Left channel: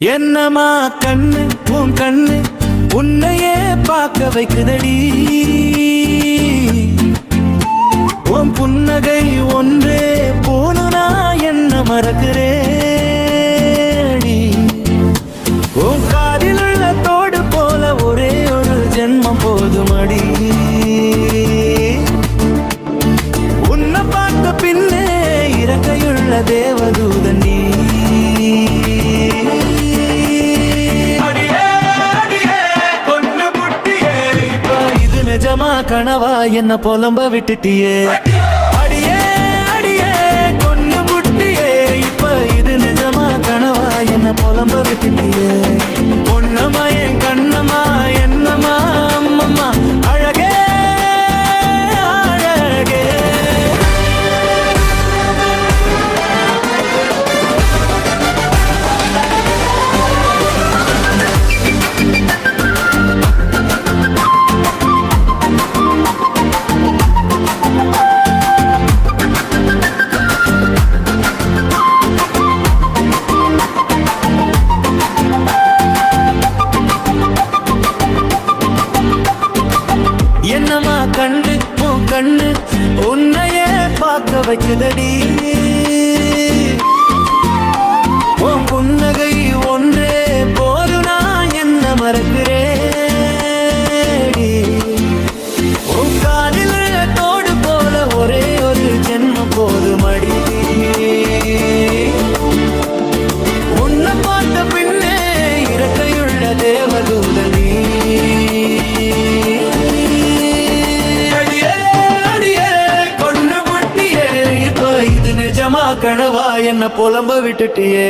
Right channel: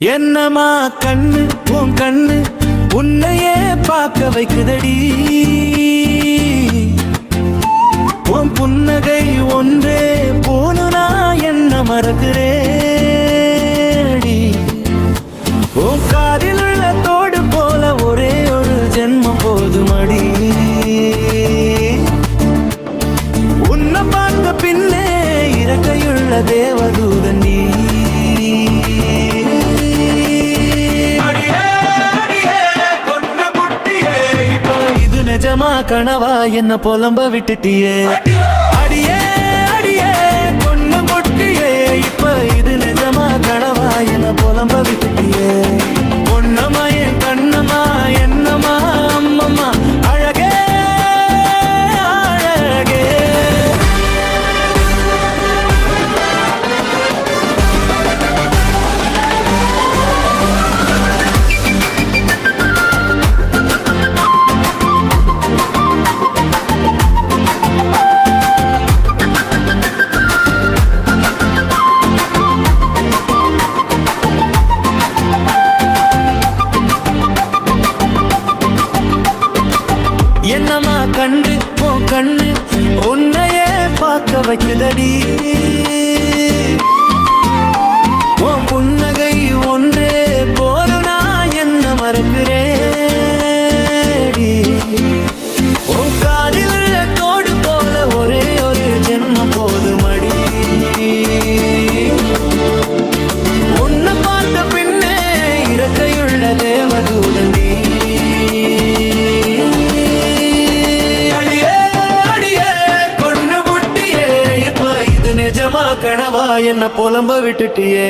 என்னமா கண்ணு உன் கண்ணு உன்னையே பார்க்க வைக்குதடி. உன் புன்னகை ஒன்றே போனுனா என்ன மறக்கிறேடி. உன் காதில் உள்ள தோடு போல ஒரே ஒரு ஜென்மம் போதுமடி. உன்னை பார்த்த பின்னே இறக்கையுள்ள தேவதூதன் நீ. நிஜமா கனவா என்ன புலம்ப விட்டுட்டியே. அடியே அடியே கொன்னு புட்டியே. இப்ப இது நிஜமா கனவா என்ன புலம்ப விட்டுட்டியே. பொன்னம்மா என் கண்ணம்மா என்னம்மா அம்மம்மா அழகே அழகே. என்னமா கண்டு உன் கண்ணு உன்னையே பார்க்க வைக்குதடி. உன் புன்னகை ஒன்றே போருனா என்ன மறக்கிறேடி. உன் காதில் உள்ள தோடு போல ஒரே ஒரு ஜென்மம் போதுமடி. உன்னை பார்த்த பின்னே இறக்கையுள்ள தேவதூதன் நீ. கனவா என்ன புலம்ப விட்டுட்டியே.